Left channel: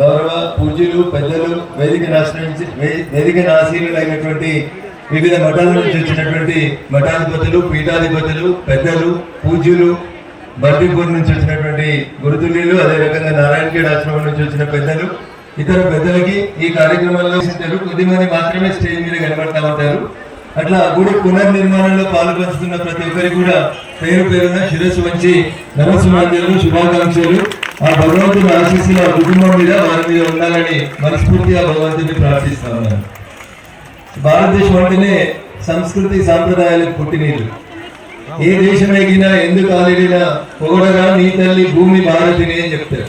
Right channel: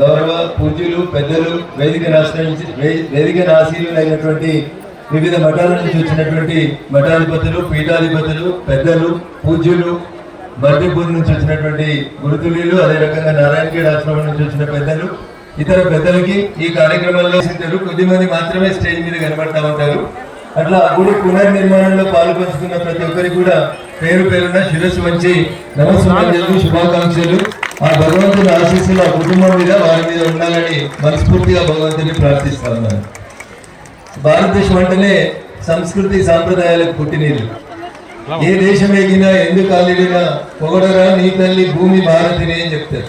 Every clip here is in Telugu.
గౌరవ పూజ్యులు పెద్దలు వేదిక ఆశ్రయించి వేదిక వేదికను ఆశీనులైనటువంటి వివిధ మఠాల నుంచి వచ్చినటువంటి మఠాధిపతులు పీఠాధిపతులు పెద్దలు పూజ్యులు బర్బీపూర్ నుంచి వచ్చినటువంటి గురుతుల్యులు అదే రకంగా నారాయణఖేడ్ ఆశ్రమం నుంచి వచ్చిన పెద్దలు ఇతర పెద్దలకి ఈ కార్యక్రమంలో తెలుగు కొద్ది మంది మాత్రమే స్టేజ్ మీద కనబడతా ఉంటారు. అట్లా గుడి పునర్నిర్మాణంలో పాల్పంచుతున్న ప్రతి ఒక్కరికి కూడా పేరు పేరున శిరస్సు వచ్చి నమస్సుమాంజలు శుభాకాంక్షలు. ఆ భగవంతుని ఆశీస్సులు ఆ కుటుంబం మీద వారి మీద ఉండాలని మనస్ఫూర్తిగా భగవంతుని ప్రార్థిస్తున్నాను. భారతదేశం అంటేనే సంస్కృతి సాంప్రదాయాలకు పుట్టినీళ్ళు ఏ దేశం ఎగినా ఎందుకు ఆలిడినా పొగడరా నీ తల్లి భూమి భారతిని అని చెప్తారు.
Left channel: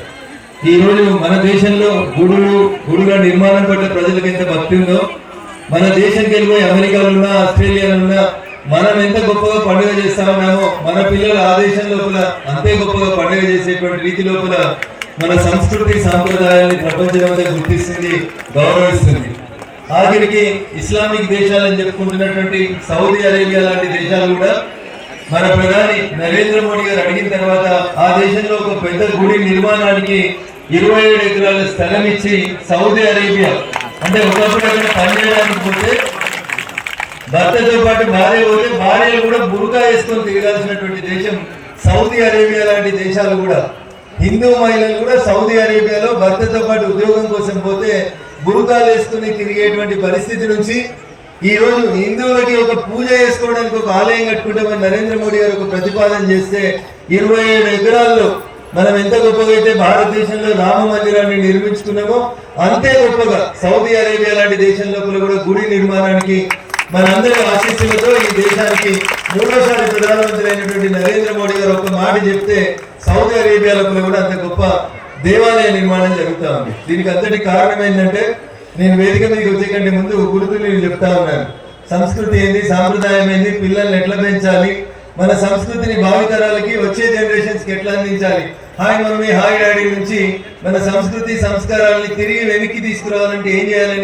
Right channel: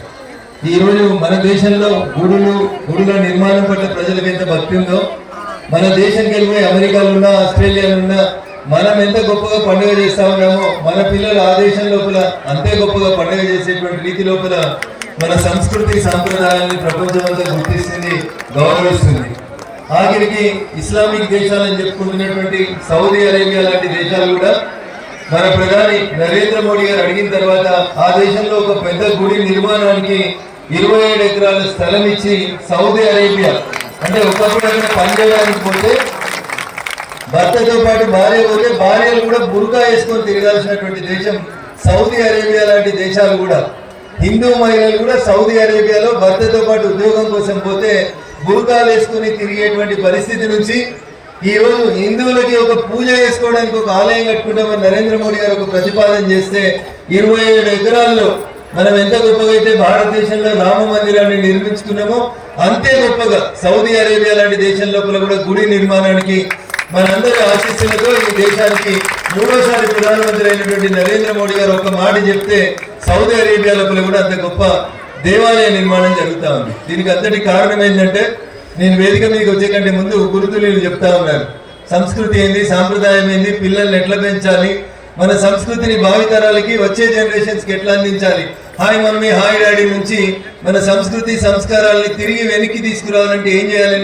ఈ మన దేశంలో గుడులు గుడుల నిర్మాణం పట్ల ప్రజలకు ఎంత భక్తి ఉందో మన దేశం వెళ్ళి అమెరికాలో ఉన్నా ఆస్ట్రేలియాలో ఉన్నా మనం ఎంత పండుగ చేస్తా ఉన్నామో మన పిల్లల ఆ దేశం లోపల అంతే గొప్పగా పండుగ చేసేటువంటి రీతి లోపల మన సంస్కృతి సాంప్రదాయాన్ని ప్రపంచమంతా గుర్తిస్తుంది గౌరవిస్తుంది. ఆఖరికి ఇస్లామిక్ దేశాలని చెప్పుకుంటున్నటువంటి సౌదీ అరేబియా లాంటి దేశాలు కూడా మన ప్రధాని నరేంద్ర మోడీ గారు అడిగిన తర్వాత ఆ దేశంలో ఒక పెద్ద గుడి నిర్మాణానికి ఇరవై ఏడు ఎకరాల స్థలం ఇచ్చి సౌదీ అరేబియా అంటే ఒకప్పుడు అక్కడ పనిచేయడానికి పోతే భర్తతో పాటు భార్య పోతే భార్యలు కూడా బురుకా వేసుకొని తిరగాల్సినటువంటి దేశం సౌదీ అరేబియా లాంటి దేశాలు కూడా. హిందూ మహిళలు కూడా సౌదీ అరేబియాలో భర్తతో పాటు ఉద్యోగం కోసం పోతే బురుకాలు వేసుకుని తిరిగేటువంటి పరిస్థితి నుంచి ఈ రోజు హిందువులకి ఒక పూజ చేసుకోవడానికి ఒక ఆలయం కట్టుకుంటామని నరేంద్ర మోడీ గారు ఒక ప్రతిపాదన చేస్తే ఇరవై ఏడు ఎకరాల్లో మనం ఎంత గొప్పగా అయితే భారతదేశంలో రామ మందిరాన్ని నిర్మించుకున్నామో అంతే గొప్పగా సౌదీ అరేబియా లాంటి దేశం లోపల కూడా గుడి నిర్మాణానికి మనందరి ఆశీస్సులతో ఈ దేశానికి మూడోసారి ప్రధానమంత్రి అయినటువంటి నరేంద్ర మోడీ గారు ఒక మాట చెప్తే సౌదీ అరేబియా లోపల కూడా అంత గొప్ప దేవాలయ నిర్మాణం జరుగుతూ ఉంది. దీనికి అంతటి కారణం ఏంటంటే నేను వేదిక మీదకి వచ్చే కంటే ముందు గురుతులు చెప్తా ఉన్నాను సంస్కృతి ఏంది సాంప్రదాయం ఏంది పిల్లల్ని ఎట్లా పెంచాలి మన సంస్కృతిని భావితరాలకి వచ్చే జనరేషన్స్కి ఎట్లా అందించాలి హాయ్ మమ్మీ హాయ్ డాడీ నుంచి మన సంస్కృతి సంస్కారాలని తిరిగి వెనక్కి తీసుకురావాలంటే ఏం చేయాలని